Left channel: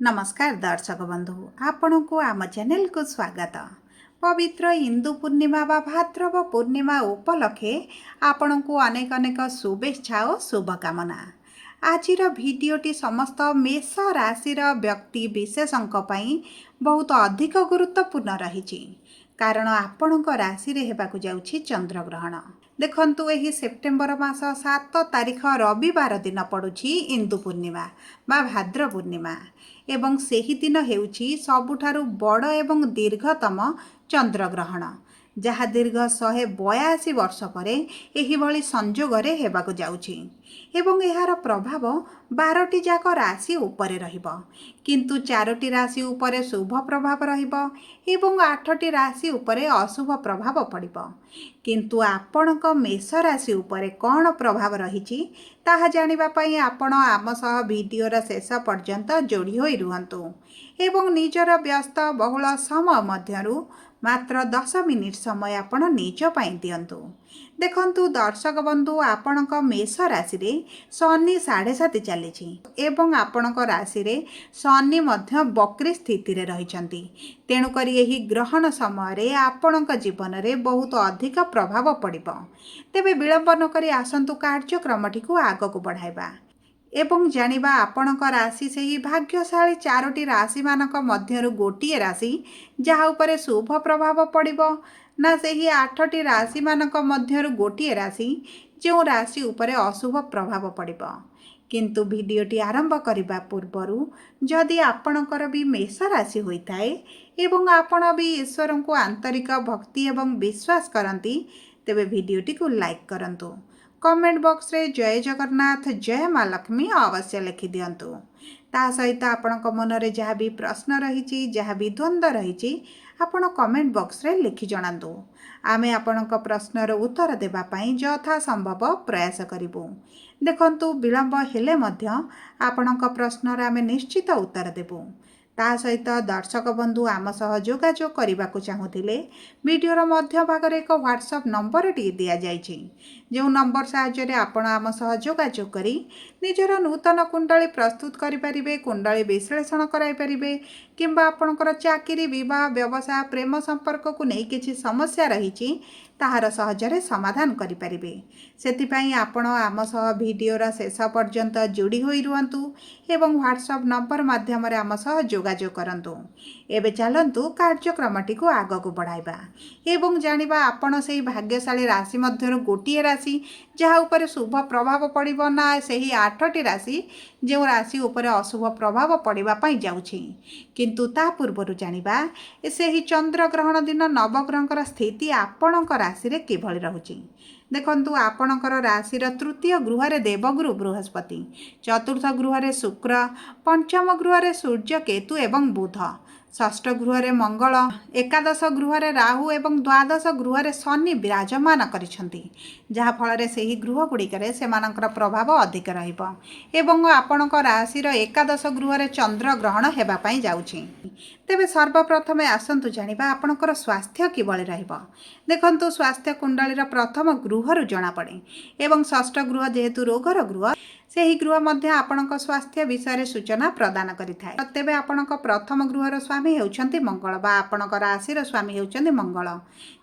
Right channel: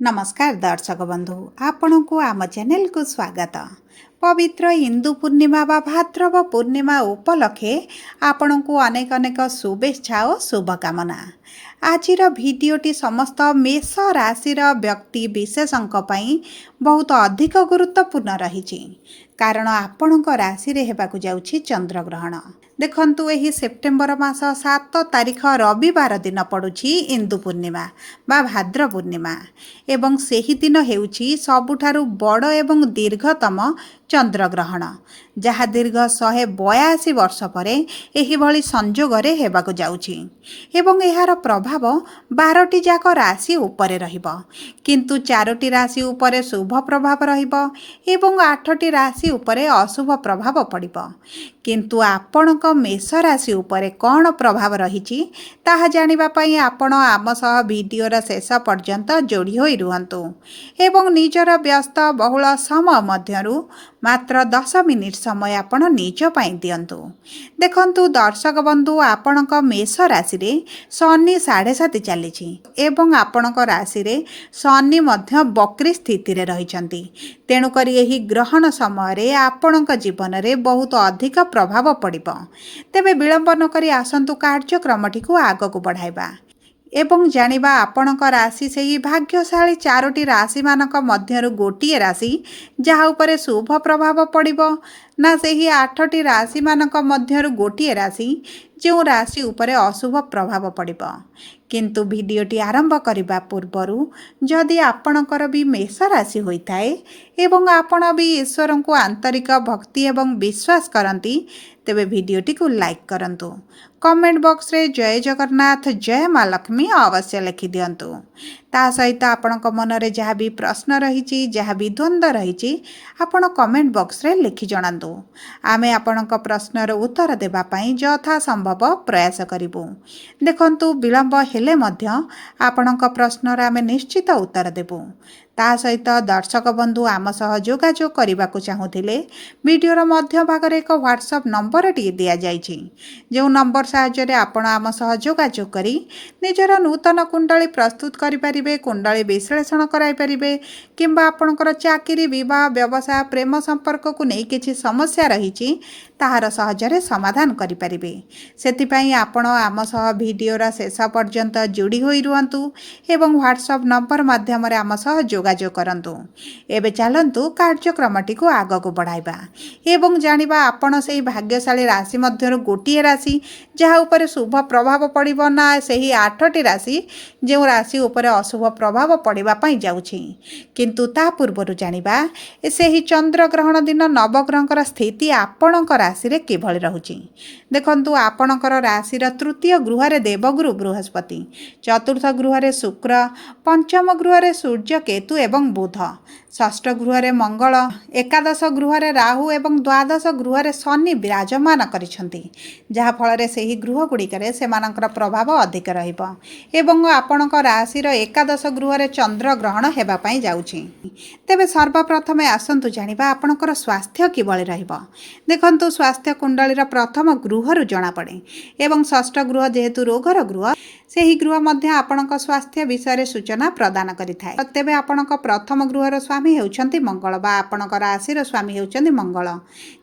नमस्कार दर्शक बंधु आपण को आम चैनल को स्वागत। पवित्र हिंदू पूर्णिमा बा भाद्रव पूर्णिमा उपलक्षे आपण को अनेक अनेक शुभेच्छा और शुभकामना। आजिर भिडटी समस्त मेष राशि व्यक्ति विशेषों बहुत अधिक गुरुत्वपूर्ण रही कारण आपण राशि हेबाकु जाउछि चंद्रग्रहण। देखंतु एही सेप्टेम्बर मास 7 तारिख रविवार दिन पड़ुछि इंदु पूर्णिमा बा भाद्र पूर्णिमा एवं सेही दिन हेउछि सबुठारु बड़ एवं दीर्घतम चंद्रग्रहण जहाँ दीर्घ 182 वर्ष पर एही भली संजोगरे हेबाकु जाउछि एवं एहार प्रभाव 12टी जाक राशि उपरे रहिबो किंतु 4टी राशि उपरे शुभ प्रभाव रहिबो एवं 8टी राशि उपरे अशुभ प्रभाव पड़िबो किंतु आपणक मेष राशि उपरे कौन प्रभाव रही ताहा जानिबा पई आपण आम सह वीडियोर शेष पर्यंत जोड़ी होई रुहंतु एवं निजर व्यस्त बहुल समय मध्यरु मात्र 10 मिनिट समय आपण निज पई दियंतु। देखंतु दर्शक बंधु आपणक मेष राशि रे शनि 7.5 चलीछि एवं आपणक राशि रे शनि मध्य वक्री स्थिति रे रहिछंती तेणु करी एही ग्रहण समय रे आपणक जीवन रे बहुत अधिक प्रभाव पड़िबो। तेबे विलंब न करी आसंतु कार्यक्रमटी को आग को बढ़ाइबा एवं जानिबा आपणक राशि से ही भाग्यशाली 4टी राशि मानक मध्यरु गोटिए राशि जहाँ उपरे शुभ प्रभाव पड़िबो ना सेही 8टी राशि मानक मध्यरु गोटिए राशि जो राशि उपरे अशुभ प्रभाव पड़िबो। किंतु भिडियोटी आरंभ करबा पूर्वरु जदि आपणकर भी मेष राशि होइथाए एवं आपण भी ईश्वर को आंतरिक भक्ति एवं विश्वास करती तेबे भिडियोटी को लाइक करंतु कमेंट बॉक्स रे जय जगन्नाथ जय माँ लक्ष्मी अवश्य लिखि दियंतु। ता सहित आपणक मन रे जहाँ भी प्रश्न रही जहाँ भी द्वंद्व रही आपण कमेंट बॉक्स रे लिखि जणांतु आमे आपणक प्रश्नर उत्तर देबा पई यथा संभव प्रयास करिबु। देखंतु विलंब हेले मध्य आपणक प्रश्नर आमे निश्चित उत्तर देबु। ता सहित दर्शक बंधु आम सह जोगाजोग करने को चाहूले वीडियोर मध्य भाग एक व्हाट्सएप नंबर टी दि जाइछि जो नंबर साहाय्य आपण आम सह जोगाजोग करी निजर नूतन कुंडली प्रस्तुत करें कुंडली विश्लेषण कराइपारे किंबा आपणकर चाकरी विवाह व्यवसाय प्रेम संपर्क को नहीं किसी समस्या रही ताहार सहजरे समाधान करें से आपण आम सह वीडियोर शेष पर्यंत जोड़ी होई रुहंतु एवं व्हाट्सएप नंबर माध्यम आम सह जोगाजोग करंतु। एबे चलंतु कार्यक्रमटी को आग को बढ़ाइबा एवं जानिबा आपण सेही भाग्यशाली राशि मध्यरु गोटिए राशि जहाँ उपरे शुभ प्रभाव पड़िबो ना सेही 8टी राशि जो राशि उपरे अशुभ प्रभाव पड़िबा पई जाउछि किंतु ता पूर्वरु जानिबा सेही चंद्र ग्रहण दिन नवग्रहकर स्थिति आपणक राशि रे किभଳି रहुछि। देखंतु आपणकर राशि रा तृतीय गृह रे देवगुरु बृहस्पति चतुर्थ गृह रे शुक्र पंचम गृह रे सूर्य केतु एवं बुध षष्ठ गृह रे मंगल एकादश गृह रे राहु एवं द्वादश गृह रे शनि विराजमान करिसंती जहा फल रे सेही गृह गुड़िकरे सेमानकर प्रभाव अधिक रहिबो एवं आपणक राशि रो एकादश गृह रे चंद्र ग्रहण हेबा पई जाउछि। तेबे सर्वप्रथम आसंतु जानिबा आपणकर स्वास्थ्य किभଳି रहिबो। देखंतु स्वास्थ्य कुंडली रा प्रथम गृह रु जणा पड़े एवं षष्ठ गृह जेहेतु रोगर गृह सेही गृह मध्य आपणक स्वास्थ्य विषय सूचना प्रदान करिथाय। तेबे आपणक प्रथम गृहर स्वामी हेउछंती मंगल बा आपणक राशिर स्वामी हेउछंती मंगल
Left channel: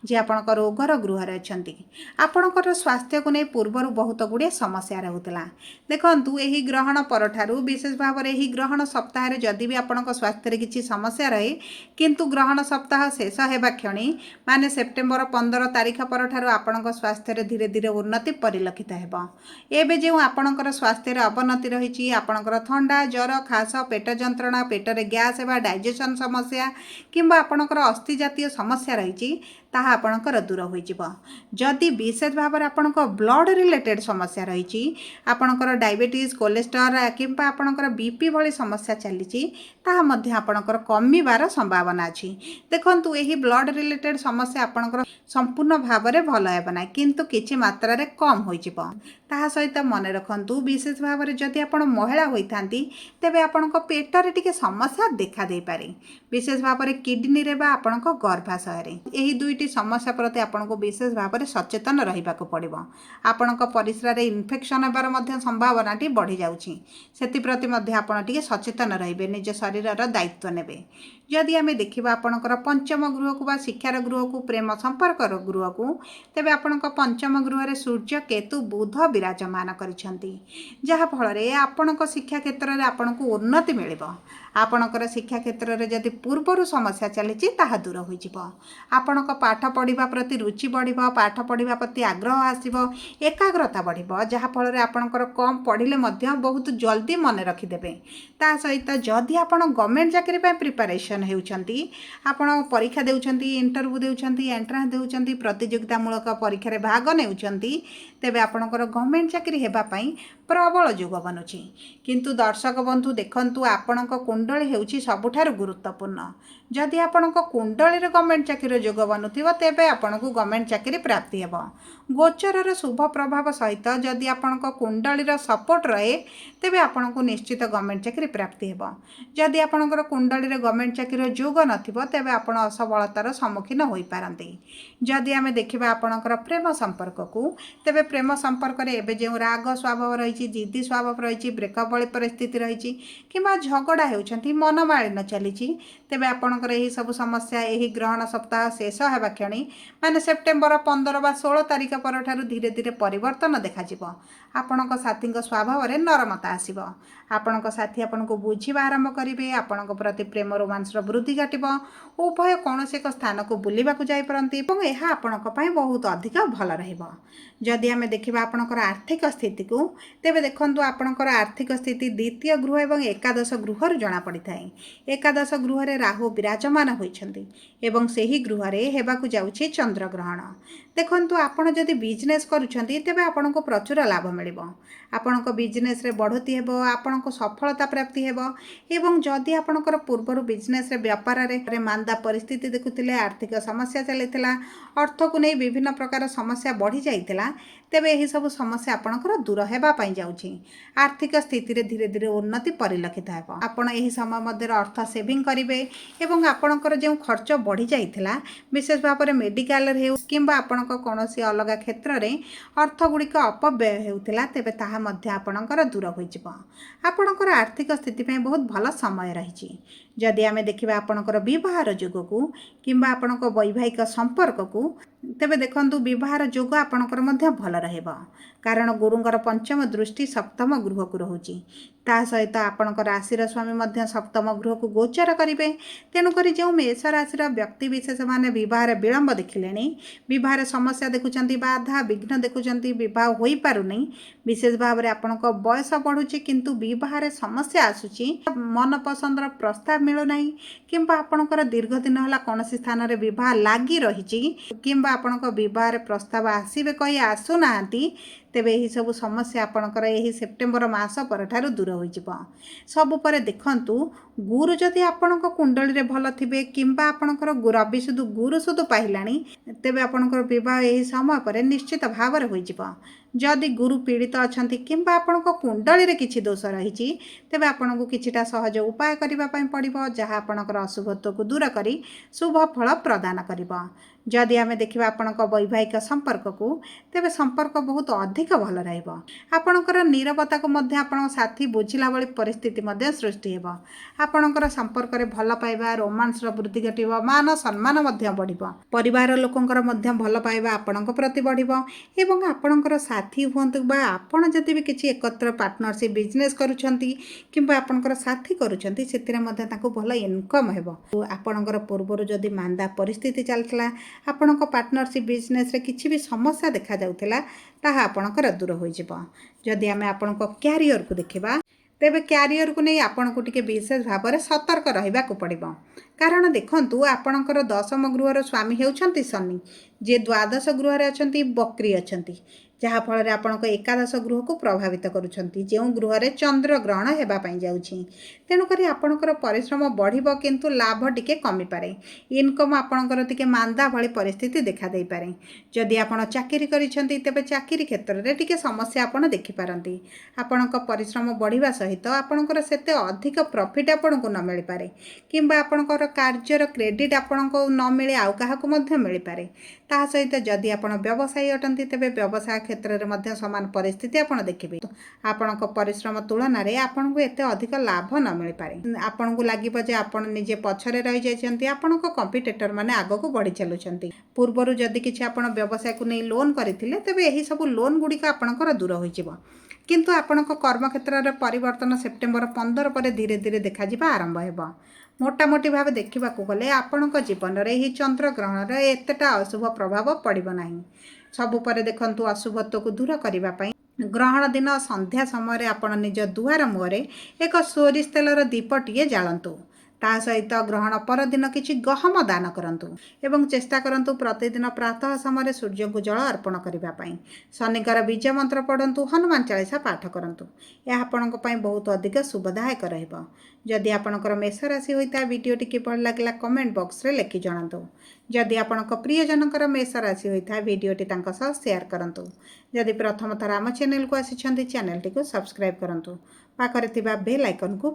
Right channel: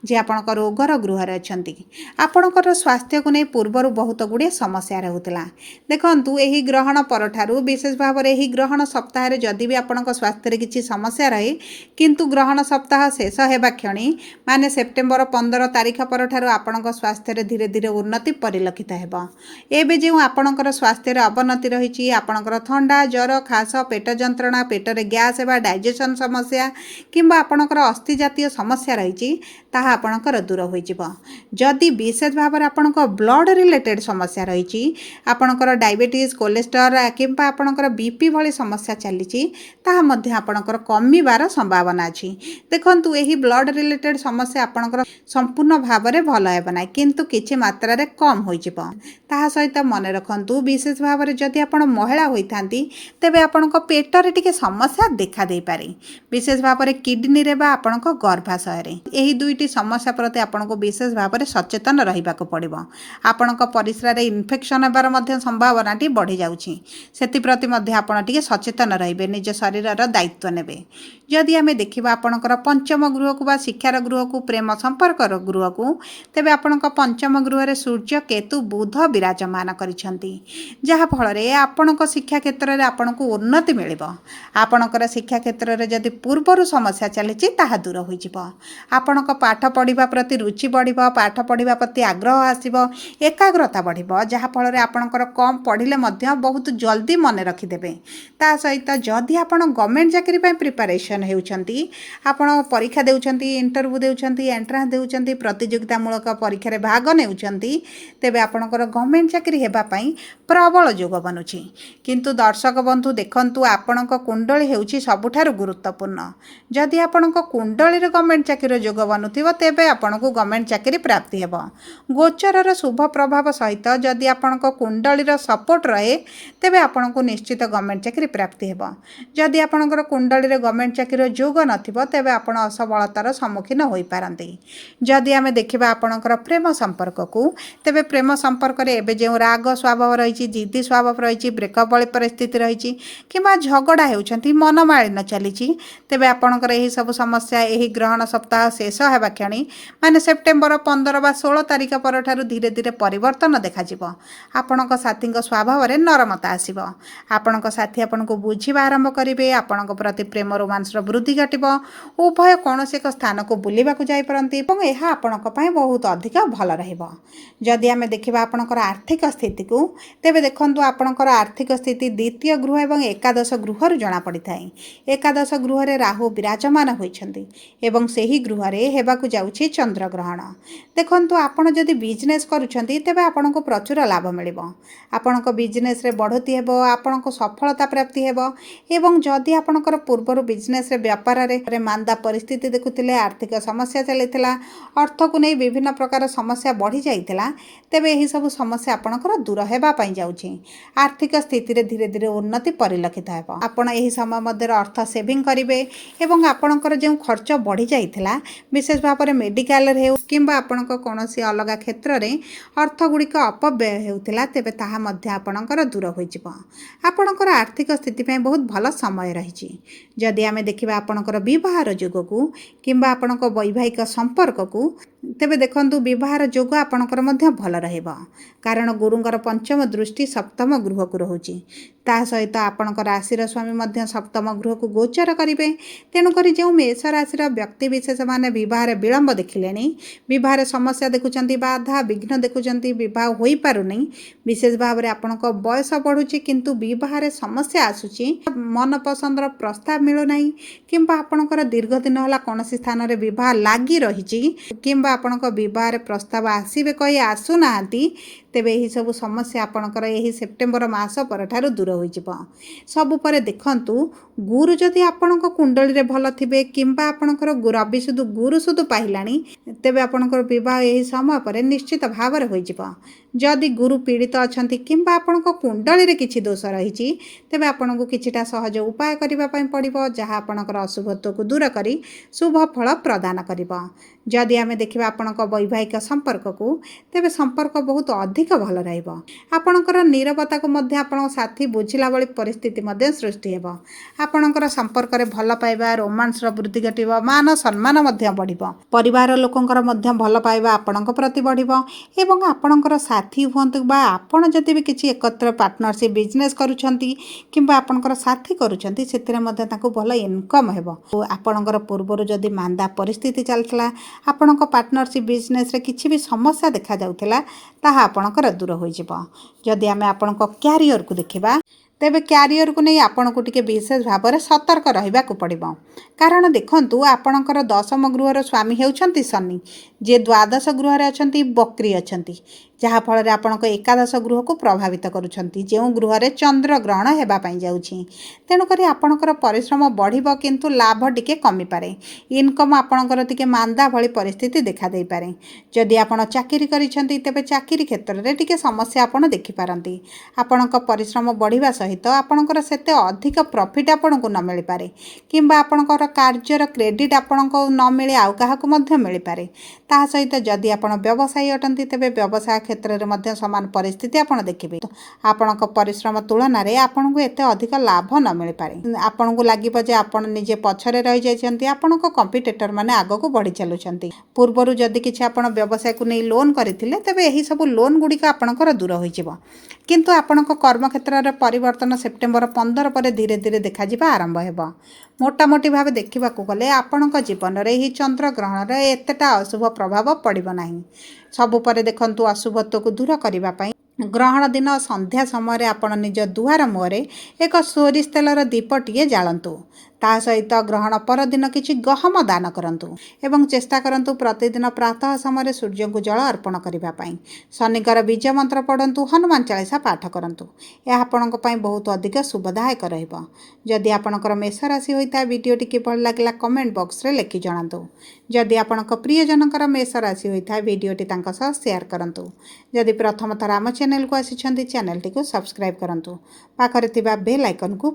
जे आपणक रोगर गृह रे अछंती आपणकर स्वास्थ्य को नै पूर्वरु बहुत गुडे समस्या रहउतला। देखंतु एही ग्रहण परठारु विशेष भाव रे एही ग्रहण सप्ताह रे जदि भी आपणक स्वास्थ्य रे किछि समस्या रहे किंतु ग्रहण सप्ताह शेष हेबा क्षणी माने सेप्टेम्बर 15 तारिख परठारु आपणक स्वास्थ्य रे धीरे धीरे उन्नति परिलक्षित हेबो। एबे जे आपणकर स्वास्थ्य अवनति रही आपणकर थंडा ज्वर खास पेट जंत्रणा पेटरे गैस एवं डाइजेशन समस्या किंबा आपणकर अस्थि जातीय समस्या रही ताहा आपणकर दूर होइजिबो। जदि विशेष भाव में आपणक ब्लड रिलेटेड समस्या रही आपणकर डायबिटीज कोलेस्ट्रॉल किंबा आपणकर बीपी भली समस्या चली ताहा मध्य आपणकर कमिबार संभावना अछि। देखंतु एही ब्लड रिलेटेड समस्या आपणकर संपूर्ण भाव में भल हेबा ना किंतु किछि मात्रा रे कम होइजिबो। ताहा सहित मन रखंतु विशेष विशेष भाव में जदि आपण महिला होता तेबे आपण पेटर टिके समस्या देखा दे पारे विशेष भाव में किडनी रे बा आपण गर्भाशय यही दुईटी समस्या प्रति आपण विशेष भाव में सचेतन रहा पड़ो आपण परिस्रा इन्फेक्शन होबार संभावना बढ़ी जाऊँगी से आपण टिके सचेतन रे निज शरीर दायित्व नेबे जदि आम देखा आपणकर पंचम गृह को बा शिक्षार गृह को प्रेम संपर्क गृह को तेबे आपण पंचम गृह रे सूर्य केतु बुध विराजमान करिसेंती जहा फल आपण शिक्षा क्षेत्र में आपण को उन्नति मिल आपणकर शिक्षा क्षेत्र में जदि पूर्वर समस्या चली ताहा दूर हो आपण पाठ पढ़ा प्रति रुचि बढ़ पाठ पढ़ा प्रति आग्रह आसब एकाग्रता बढ़ जहा फल आपणकर कम पढ़ले बहुत जल्दी मन रखिदेवे ता सहित जदि आप गवर्नमेंट चाकरी प्रिपरेशन होती आपण परीक्षा देउछंती इंटरव्यू देउछंती एंट्रांस देउछंती प्रतियोगितामूलक परीक्षा भाग नेउछंती तेबे आपणकर गवर्नमेंट चाकरी हेबा पई प्रबल जोग बनुछि किंतु दर्शक बंधु देखंतु आपणक कुंडली हेउछि सबुठार गुरुत्वपूर्ण जदि आपणक कुंडली रे गवर्नमेंट चाकरी जोग बनुथिबो तेबे आपणको गवर्नमेंट चाकरी प्राप्ति हेबो गोचरर शुभ प्रभाव सहित जदि आपणक कुंडली रो सपोर्ट रहे तेबे आपणको निश्चित गवर्नमेंट चाकरी प्राप्ति हेबो जदि आपणकर कुंडली रे गवर्नमेंट चाकरी जोग नथिबो तेबे आपण असफलतार सम्मुखीन होई पारंती जदि आमे देखिबा आपणकर प्रेम संपर्क को तेबे प्रेम संपर्क रे एबे जे राग स्वभाव रही जिद्दी स्वभाव रही ब्रेकअप वाली परिस्थिति रही किंवा झगड़ा होउछंती मनमालिन चली तेबे आपणकर एही सब समस्या एही ग्रहण सप्ताह शेष हेबा क्षणी माने सेप्टेम्बर 15 बा 16 तारिख पर ठारू धीरे धीरे परिवर्तन देखा आपणक साथी स्वभाव रे नरमता आसीबो आपणक साथी आपनको बुझिबा आरंभ करिवे आपणक प्रति प्रेम रोमांस वृद्धि घटिबो उभय कौनसी एक स्थान को बुलिबा को जाई परंती एवं एहा आपणक पई बहुत अधिक भल रहिबो जदि आमे देखिबा आपणकर आर्थिक स्थिति को तेबे देखंतु आपणकर आर्थिक स्थिति द्वितीय गृह एवं एकादश गृह रु जणा पड़ी थाए एकादश गृह रे राहु विराजमान होइछंती एवं सेही गृह रे हेबा को जाउछि चंद्र ग्रहण देखंतु आपण जदि बिजनेस करूछंती तेबे आपणको प्रचुर लाभ मिलिबो आपणको बिजनेस रे बढ़ोती हेबो आपणको सफलता प्राप्ति हेबो एवं जदि आपणकर पूर्वर बिजनेस रे व्यापार रे मांदा परिस्थिति देखुतिले आर्थिक समस्या चलीथिला अर्थ को नहीं विभिन्न प्रकार समस्या बढ़ी जाइथिला तेबे एही सब समस्या आपणकर दूर हेबा पई जाउछि आर्थिक स्थिति रे धीरे धीरे उन्नति परिलक्षित हेबो आपण एही समय मध्ये अर्थ सेविंग करिवे एवं आपणकर जे खर्च बढ़ी जाइथिला विशेष भाव में मेडिकल रे किंबा आपणक कोनोसी अलग क्षेत्र रे अर्थ गुड़िक अपव्यय हेउथिला तेबे ताहा मध्ये आपणकर दूर होई जिवो आपणकर आर्थिक स्थिति पई बहुत भल समय रही जदि आमे देखिबा आपणकर विवाहर जोग को किंबा आपणक वैवाहिक संपर्क को तेबे देखंतु विवाहर जोग आपणकर मध्ये भल रहइबो कारण गुरुंकर पंचम दृष्टि सप्तम गृह को रहुची ता सहित आपणकर राशि स्वामी मध्ये सप्तम गृह को गोचर करिवे तेणुकरी जो मेष राशि व्यक्ति विशेष माने विवाह विलंब देखिले विवाह समस्या देखुचंती बाधा विघ्न देखुचंती विवाह होई पारुनी विशेष भाव में आपणक बयस बढ़ुची किंतु विवाह समस्या आसुची मन पसंदर प्रस्ताव मिलुना किंबा आपणकर दीर्घ दिन होला कोनोसी स्थान रे विवाह लागी रही किंबा आपणक विवाह प्रस्ताव आसीबे कहि आसुनाहांती तेबे यही सब समस्या आपणकर यही सेप्टेम्बर मास पर ठारू दूर हो सबु पर देखंतु गुरु जदि आपणक कुंडली रे भल थिबे किंबा आपणकर रवि सुदु गुरु सुदु पाइलानी तेबे आपणकर विवाह यही समय पर निश्चित भाव में हो जदि गुरु पीड़ित अछंती किंबा आपणक कुंडली रे किछि दोष रही तेबे आपणको किछिटा सहज उपाय करिबा पई पड़िबो जहाँ आपणकर अशुभत्व को दूर करी शुभ फल प्रदान करिबो जदि आमे देखिबा आपणक वैवाहिक संपर्क को तेबे संपर्क बहुत अधिक भल रहिबो आपणकर नीरवता को मध्य आपण साथी बुझिला बळी परिस्थिति मध्य सृष्टि हेबो आपणकर संपर्क रे भल पाइबा रोमांस वृद्धि घटिबो मान सम्मान मध्य बढ़िबो परिवार लोकंकर मध्य भल पाइबा आपणक प्रति बढ़िबो एवं आपणकर साथी हुंतु बा आपण जदि भी किछि एकत्र पार्टनरशिप बिजनेस करूछंती किंबा आपणकर साथी करूछंती सेतिरे मध्य ताको भल इनकम हेबो आपणकर पूर्वरु जदि मांदा परिस्थिति चलतला आपणक पार्टनरशिप बिजनेस रे किछि भी समस्या देखा जाउथिला ताहा आपणकर दूर होई जिवो जदि आमे आपणक कैरियर को देखिबा तेबे कैरियर को नहीं आपण को टिके विशेष भाव में सतर्क रहिबा को पड़िबो कारण देखंतु आपणकर दशम गृहर स्वामी हेउछंती शनि जे द्वादश गृह रे अछंती बकरी अछंती ଯାହାଫଳରେ ଆପଣଙ୍କ ଏକାଦଶ ଗୃହକୁ ପ୍ରଭାବିତ କରୁଛନ୍ତି, ଯେଉଁ ଗୃହରେ ଚନ୍ଦ୍ରଗ୍ରହଣ ହେବା ପାଇଁ ଯାଉଛି। ତେଣୁକରି ଆପଣଙ୍କର ପରିଶ୍ରମ ବଢ଼ିବ, କିନ୍ତୁ ଲାଭ ଟିକେ କମିପାରେ। ଇନକମ୍ ଆପଣଙ୍କର ଟିକେ ମାନ୍ଦା ଭଳି ପରିସ୍ଥିତି ଦେଖାଦେଇପାରେ। ଯଦି ଆପଣ ଚାକିରି କରିଛନ୍ତି, ତେବେ ଚାକିରି କ୍ଷେତ୍ରରେ ଟିକେ ସମସ୍ୟା ଆପଣ ଦେଖିପାରନ୍ତି। ଆପଣଙ୍କ ପରିଶ୍ରମ ବଢ଼ିବା ସହିତ ଆପଣଙ୍କର ସେତେ ଅଧିକ ପ୍ରଫିଟ୍ ଆପଣଙ୍କୁ ନ ମିଳିପାରେ, କିମ୍ବା ଆପଣଙ୍କର କାର୍ଯ୍ୟର କ୍ରେଡ଼ିଟ୍ ଆପଣଙ୍କୁ ନ ମିଳେ ଆଉ କାହାକୁ ମଧ୍ୟ ମିଳିପାରେ। ତାହା ସହିତ ଯଦି ଆପଣ ବ୍ୟବସାୟୀ ଅଟନ୍ତି, ତେବେ ବ୍ୟବସାୟ କ୍ଷେତ୍ରରେ ମଧ୍ୟ ସମାନ ପରିସ୍ଥିତି ଆପଣ ଦେଖିବେ। ଆପଣଙ୍କ ପରିଶ୍ରମ ତୁଳନାରେ ଆପଣଙ୍କୁ ଏତେ ଅଧିକ ଲାଭ ନ ମିଳିପାରେ। ଆପଣଙ୍କୁ ଲାଗିବ ଯେ ଆପଣ ନିଜେ ପଛରେ ରହିଯାଇଛନ୍ତି, ଆପଣଙ୍କ କମ୍ପିଟିଟର ମାନେ ଆଗକୁ ବଢ଼ି ଚାଲୁଛନ୍ତି। ପୂର୍ବରୁ ଯଦି କିଛି ଆପଣ ବ୍ୟବସାୟକୁ ନେଇ ଲୋନ୍ କରିଥିଲେ, ତେବେ ଏହିସବୁ ଲୋନ୍ ଗୁଡ଼ିକ ଆପଣଙ୍କର ଦୂର ହୋଇଯିବ। କିନ୍ତୁ ଆପଣଙ୍କ କର୍ମକ୍ଷେତ୍ରରେ ପରିବର୍ତ୍ତନ ସେପ୍ଟେମ୍ବର 15 ପରେ ଧୀରେ ଧୀରେ ଦେଖାଯିବା ଆରମ୍ଭ ହେବ। ମୋଟାମୋଟି ଭାବେ ଦେଖିବାକୁ ଗଲେ ଆପଣଙ୍କ ଜୀବନରେ ଏହି ଚନ୍ଦ୍ରଗ୍ରହଣର ଏତେଟା ଅଶୁଭ ପ୍ରଭାବ ପଡ଼ିବ ନାହିଁ। ସବୁ ପରେ ଦେଖନ୍ତୁ, ଅଶୁଭତ୍ୱକୁ ଦୂର କରିବା ପାଇଁ ଗ୍ରହଣ ଦିନ ସନ୍ଧ୍ୟା ସମୟରେ ଆପଣ ନିଜ ଦୁଆର ମୁହଁରେ ଏକ ସୋରିଷ ତେଲର ଦୀପଟିଏ ଜାଳନ୍ତୁ। ତା ସହିତ ଗ୍ରହଣ ପରଦିନ କିଛି ଗହମ ଦାନ କରନ୍ତୁ ଏବଂ ଚେଷ୍ଟା କରନ୍ତୁ ପ୍ରତିଦିନ ପ୍ରାତଃ ସମୟରେ ସୂର୍ଯ୍ୟଙ୍କୁ ଜଳ ଅର୍ପଣ କରିବା ପାଇଁ। ଶନିଙ୍କର ବୀଜ ମନ୍ତ୍ର ପଢ଼ନ୍ତୁ, ହନୁମାନ ଚାଳିସା ପାଠ କରନ୍ତୁ। ଏହା ଆପଣଙ୍କ ପାଇଁ ବହୁତ ଅଧିକ ଶୁଭଦାୟକ ରହିବ। ଯଦି ଆପଣଙ୍କର ମେଷ ରାଶି ହୋଇଥାଏ, ଭିଡ଼ିଓଟି କିପରି ଲାଗିଲା କମେଣ୍ଟ ବକ୍ସରେ ଲେଖି ଜଣାନ୍ତୁ। ଯଦି ଆପଣଙ୍କ ପ୍ରିୟଜନଙ୍କର ମେଷ ରାଶି ହୋଇଥାଏ, ଭିଡ଼ିଓଟି ତାଙ୍କ ସହ ସେୟାର କରନ୍ତୁ। ଯଦି ପ୍ରଥମ ଥର ଆମ ଚ୍ୟାନେଲକୁ ଆସିଛନ୍ତି, ଚ୍ୟାନେଲଟିକୁ ସବସ୍କ୍ରାଇବ୍ କରନ୍ତୁ। ପାଖରେ ଥିବା ବେଲ୍ ଆଇକନକୁ